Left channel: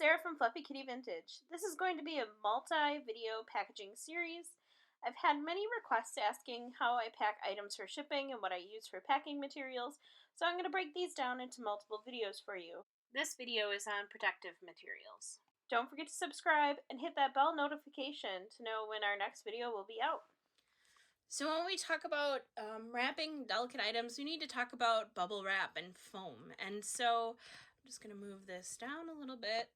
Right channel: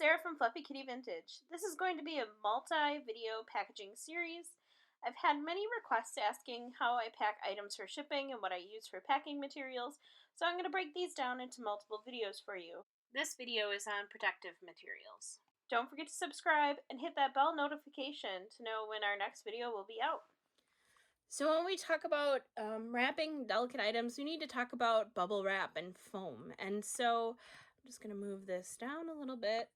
Sarah from Fluffy Kitty Vintage. This is going to be a multi-video packaging series. I've had many requests asking how I pack items for shipping and what I use for packing materials, so I'm going to break these down into multiple videos for you. This video is on protective materials. Don't forget to subscribe and hit that bell notification to know when our next video will be out. So when we talk about wrapping delicate items, we need to talk about bubble wrap and foam. And so I'm just going to move this down a little bit.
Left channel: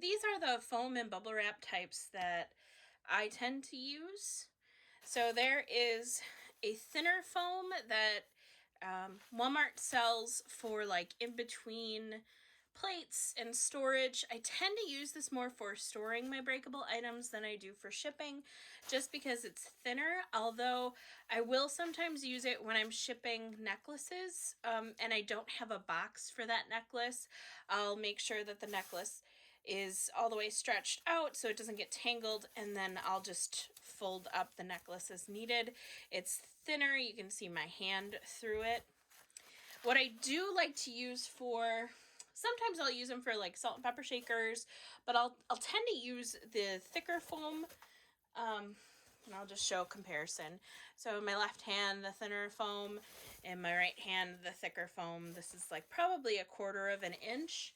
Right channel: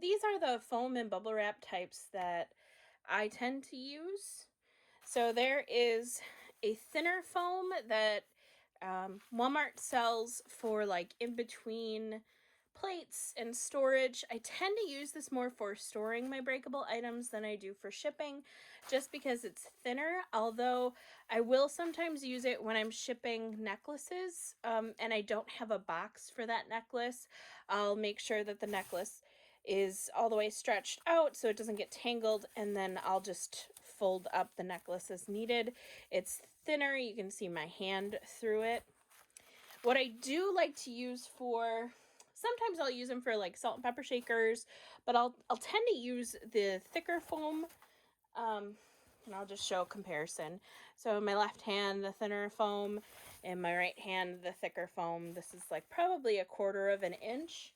These are the foam and bubble wrap types that I tend to use. So there is a thinner foam that Walmart sells for like in between plates and storage. I tend to use this more for storing my breakable items than I do for shipping, just because it's thinner, although I will sometimes use it when I'm shipping necklaces and I don't have a box for that necklace. I'll make sure that the necklace is all the way stretched out so it doesn't get tangled, and then I'll just fold up the necklace as needed. It's thinner, you can see my hand through it. What I do like to use for, sometimes I'll use them for like salt and pepper shakers, but I'll tend to use the thicker foam. And I'll just show a comparison. So in my left hand, the thinner foam, in my right hand, the thicker foam. This is like probably 1/4 of an inch.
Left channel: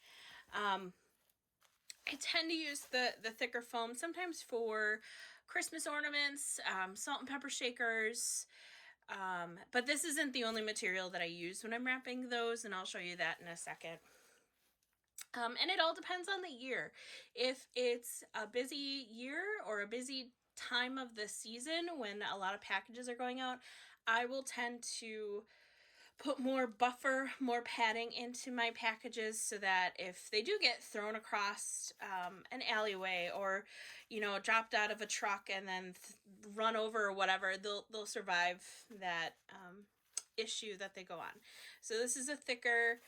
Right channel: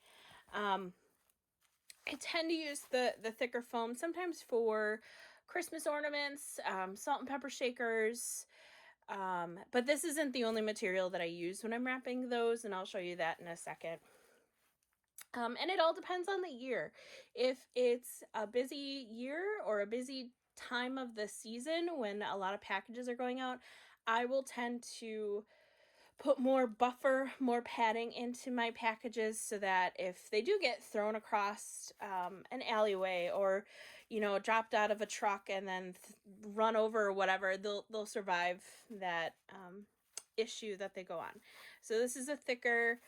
I tend to use the thicker foam sometimes for Christmas ornaments, salt and pepper shakers, but this isn't the only material that I use when I'm wrapping those, and I'll show you that in a second. And it all depends on the year. If it's a busy year or a busy time of the season when a lot of packages are going out, I will tend to put more buffer, more padding into my packages so that if they do get thrown across an alleyway or, you know, dropped out of a truck and then run over or whatever, they'll survive that issue that they go on. So this is a thicker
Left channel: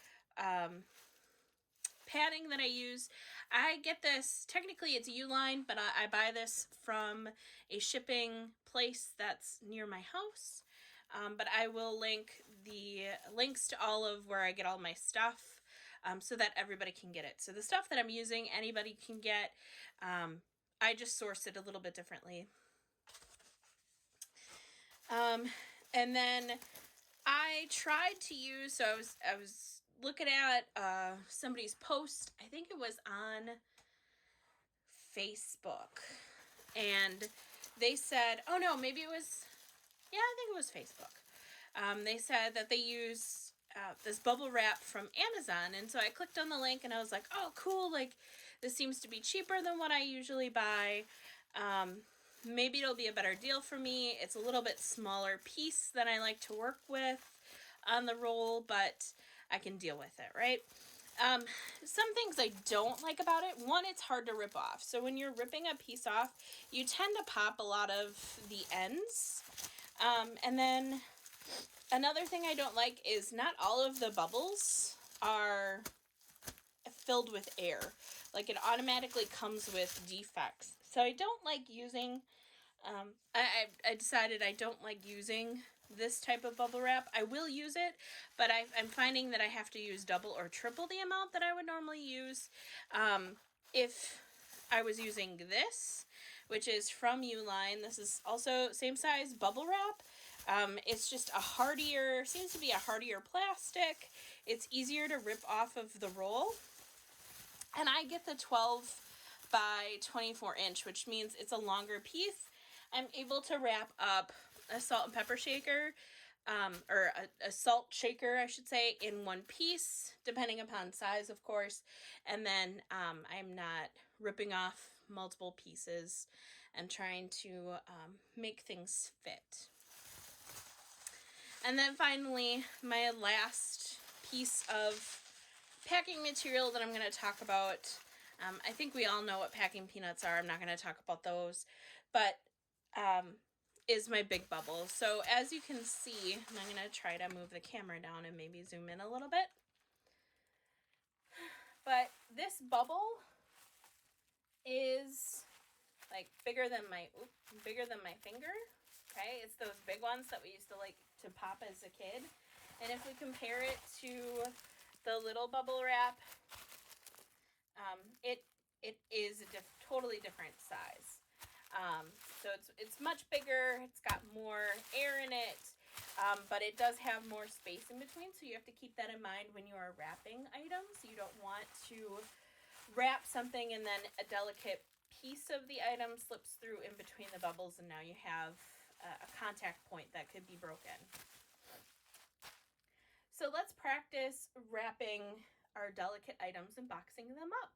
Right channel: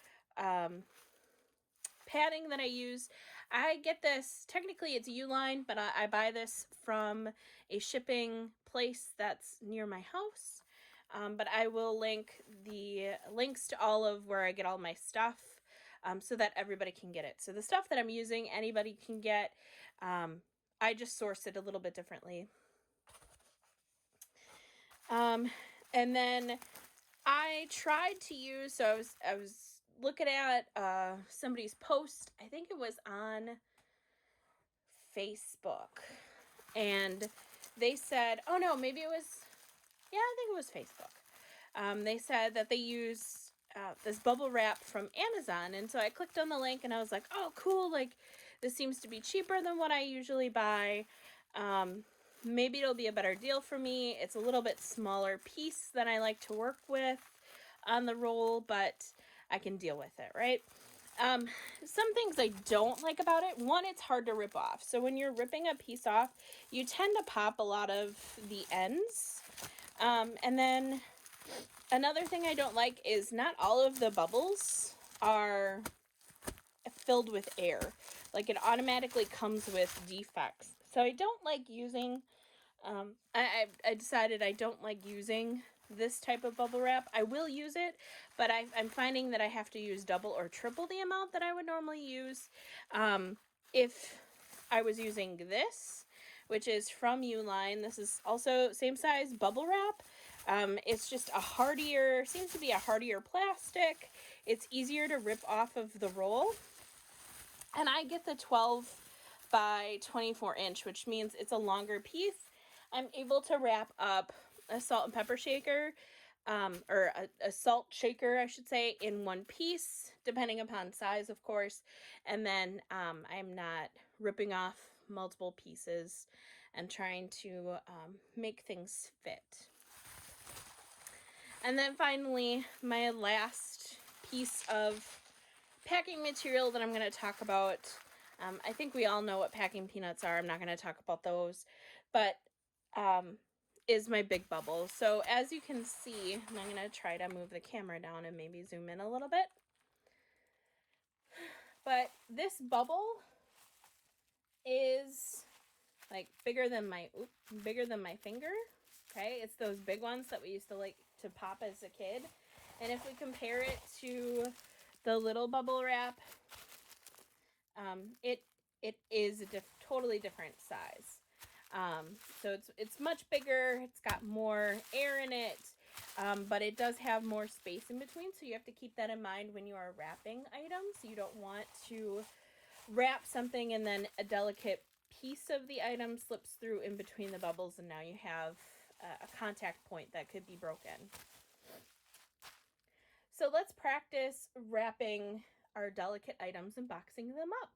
padding that I use. I get this, technically it's Uline, but I buy this from a shipping place that's near my house. But I will link the links to all of where I get all my stuff so that everybody can get it. So the stuff that I'm using, anybody can get. I just source it a little bit differently. And then I tried to use, so I was looking at somebody's post, I think it was on Facebook, and they said, oh no, maybe it was, yeah, I think it was Facebook. They said that they use this bubble wrap from Amazon, and so I clicked on the link and I was like, oh cool, like this seems to be cheaper than what I usually buy. Maybe it'll be a better deal for me. It's a little bit smaller piece than I like to work with on the roll, but I can deal with it, right? Some things I don't like about it. One, it's hard to rip off. So when you're ripping a piece off, you tend to pop a lot of the ends. And then another thing I don't like is not all of the bubbles are filled with air. Like it automatically comes with defects. So I don't like using, I decided I don't like using this type of bubble wrap. I will use it, but I'm finding that I have to use double or triple the amount that I would normally use. If I was using this, which is from Uline, this is also same size bubble wrap. It's just a hardier, seems to be a hardier plastic. It's easier to rip off of the roll. And I get the 12 by 24 inch, which means it's a longer piece. I'm able to wrap up a salt and pepper shaker, or a salt shaker, I should say, in one piece, depending upon size, of course. And then I'm not ripping off multiple pieces and trying to make things fit. And then finally, my last piece of packing material that I'm going to talk about. I think we all know what packing peanuts are. I'm not going to talk about those, but is my big bubble. So as you can see, and I'm going to try to move the camera down and maybe zoom in a little bit. But this bubble is like bigger than my finger. Okay, it's those big ones that we used to like to pop as a kid. And if we compare it to the little bubble wrap it is a totally different size. So it's much bigger. It's got more air in it, but it does have more space in between. So you have to keep that in mind when you are wrapping items. You don't want to wrap something and then a delicate piece of the item slips through in between the bubbles, and now you have a contact point that could be broken. So let's practice wrapping our delicate items and boxing them up.